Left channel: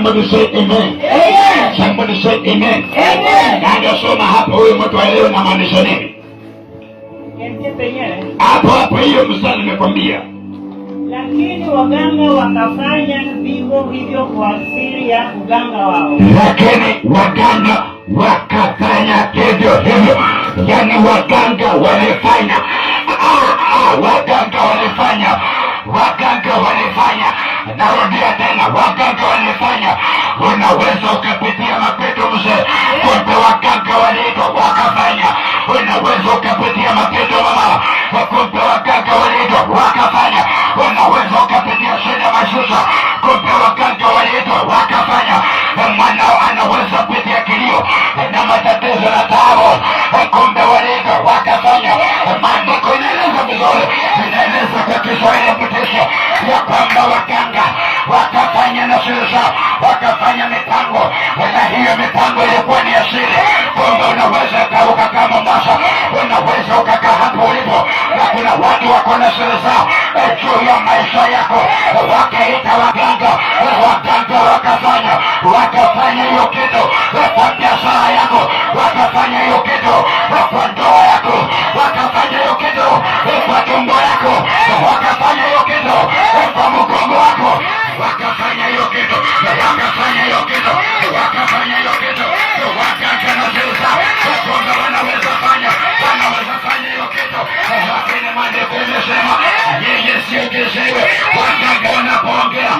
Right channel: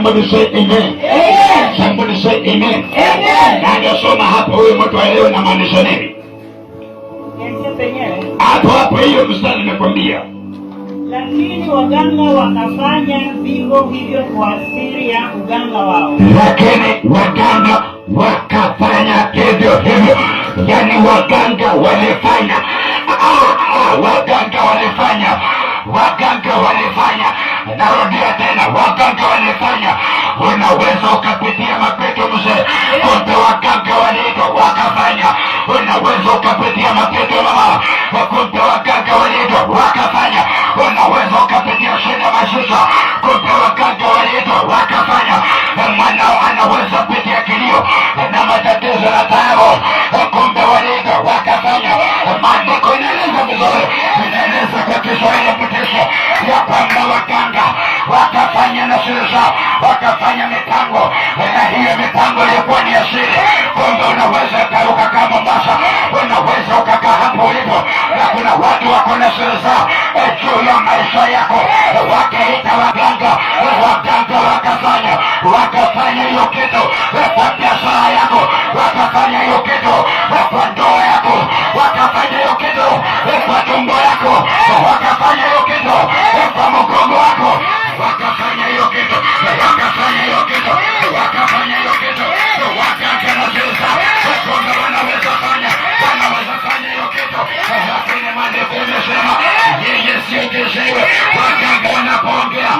Somebody say amen. Amen. Somebody say amen. Amen. Na ngasoma hapo huyo mtu aelewe na maanisha nini? Hapo hiyo mstari nimekwambia. Lakini waganga wakafanya vivyo hivyo kwa siri ya uganga wao. Lakini waganga wakafanya hivyo hivyo. Yani waganga walifanya. Waganga walifanya. Narudia tena, waganga walifanya. Unaweza ukapitia mapito mzee, kumbe waganga waliitwa wakafanya. Unaweza ukapitia mapito mama, kumbe waganga waliitwa wakafanya. Unaweza ukapitia shida maisha, kumbe waganga waliitwa wakafanya. Mwanao anaweza pitia kilio na matatizo na taabu, kumbe waliitwa wakafanya. Maandiko inaeleza vizuri, inaeleza kwa Kiswahili mtisho ya kwamba waganga wakafanya na siri zao, wakafanya mipango, na hiyo mipango ilikuwa ni asili. Kumbe unaweza ukakaa Mombasa, unaweza ukakaa hapo ulipo, na kuna watu wako na siri zao juu ya maisha yako, wakaita waganga. Waganga wakafanya hiyo kitu kwa biashara yako, wakafanya hiyo kitu kwa ndoa yako, wakafanya hiyo kitu kwa tumbo yako, wakafanya hiyo kitu kwa mgongo wako, wakafanya hiyo kitu, wakafanya hiyo kitu, wakafanya hiyo kitu. Waganga na sasa kumbe wanaweza fanya hiyo kitu, lakini maandiko yamesema yeye sio kiziwi. Waganga wanapoongea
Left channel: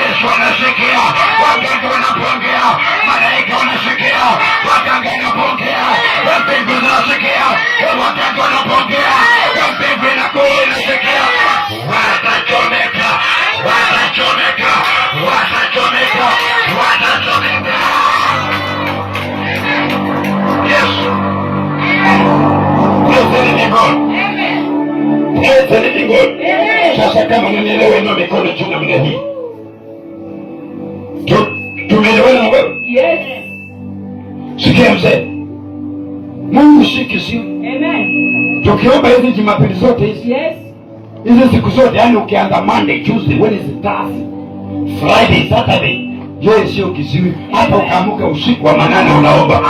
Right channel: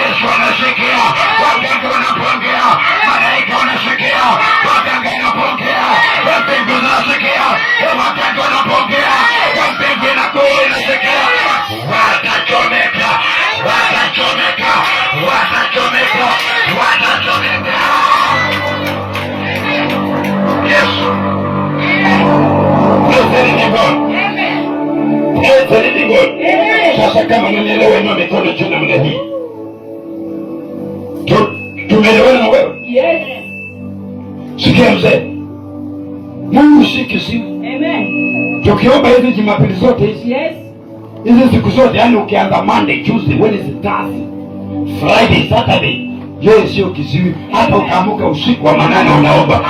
Yesu anasikia, waganga wanapoongea malaika wanasikia, waganga wanapoongea mbingu zinasikia, waganga wanapoongea mbingu inakuwa inasikia. Watachomeka, watachomeka, watachomeka, watachomeka. Yes. Sasa kama unanielewa, inua mikono juu namna hii. Tumeelewana na wewe? Yes. Sikia mzee, Mungu si kiziwi. Amen. Tukiomba hizi Jumapili zote hizi, yes, hizi siku zote, yani ukianza Monday, Tuesday, Wednesday, Thursday, Friday, Saturday, yeye sio kiziwi. Hata ukaamuka usiku wa manane unaomba.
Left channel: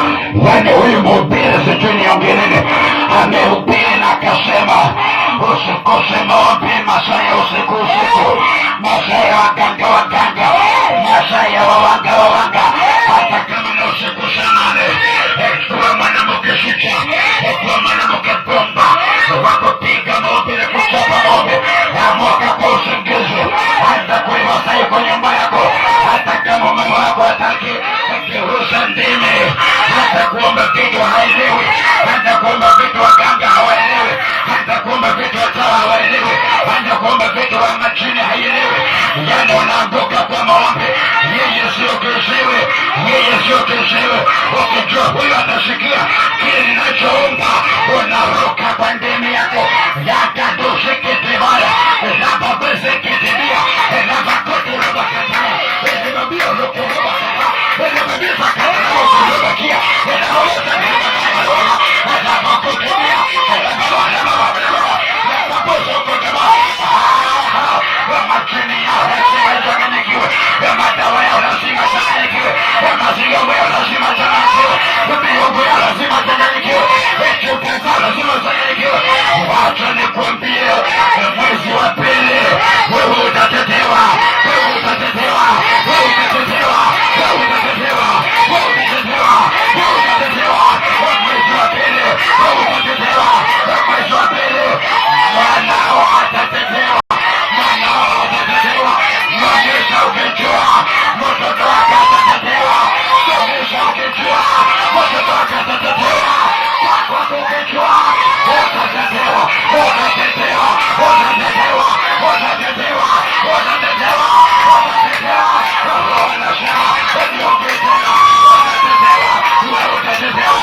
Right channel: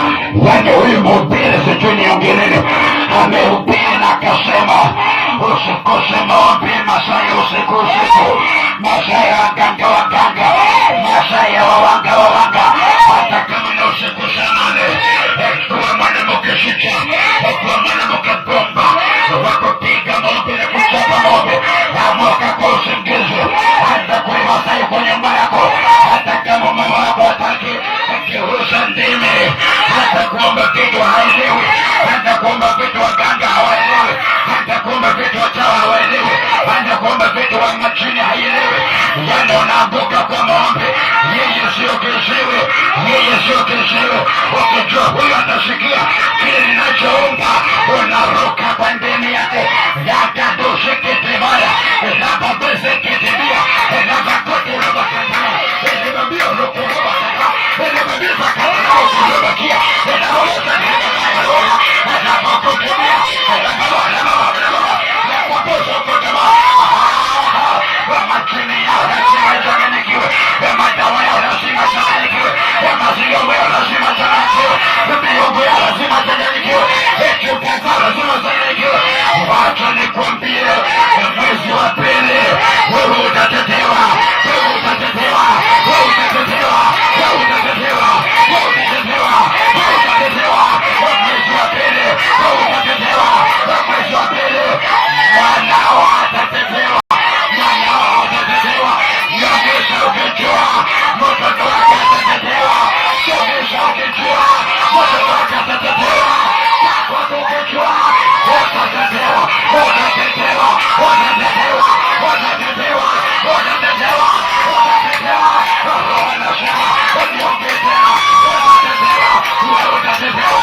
Yani huyu mhubiri sijui niongee nini, amehubiri na akasema usikose maombi masaa ya usiku, masaa ya waganga, masaa ya wawanga. Hata kama na usiku saa 8, kuwa mwanamke shika, kuwa mwanamke bomba, wakupiga maombi na kuchapa maombi, amuka kwa usingizi, hata kuiva sahi kwa nyumba yako. Hata kama mama wako hataki kirusa ndimi, hata kuomba vitu haelewi, hata kuomba vitu waganga hawaelewi, hata kuomba vitu wachawa hawaelewi, hata kuomba vitu wa machini haielewi. Yani unaanguka kwa maombi. Yeye sio kiziwi, yeye sio kiziwi. Ukijua huyu atasikia kile ninachoomba, unaruka kwa ndimi yako. Yakadusikitibaya nababesekitibia nabakotulobakataya enababia olokulobakata enababisakatanaokulobakia enaboyesanibakayalola enabakotibia enababalababababababaposokotaba machini yao lazima ichanganyikiwe, madawa yao lazima ichanganyikiwe, maziombo yao lazima ichanganyikiwe, miungu yao lazima ichanganyikiwe, chupa zao lazima ichanganyikiwe. Wacha nikwambie, mwezi wa pili wewe utatetewa, wewe utatetewa, wewe utatetewa, wewe utatetewa, wewe utatetewa, wewe utatetewa. Mwezi wa pili wewe utatetewa, mwezi wa pili mwanao atatetewa, mwanao atatetewa. Nyonyesha ukijua mtoto wake atatetewa, somesha ukijua mtoto wake atatetewa, kwako ukijua utatetewa, utatetewa, utatetewa, utatetewa, utatetewa, utatetewa. Roho anasema usiongee tena, utatetewa, wewe utatetewa.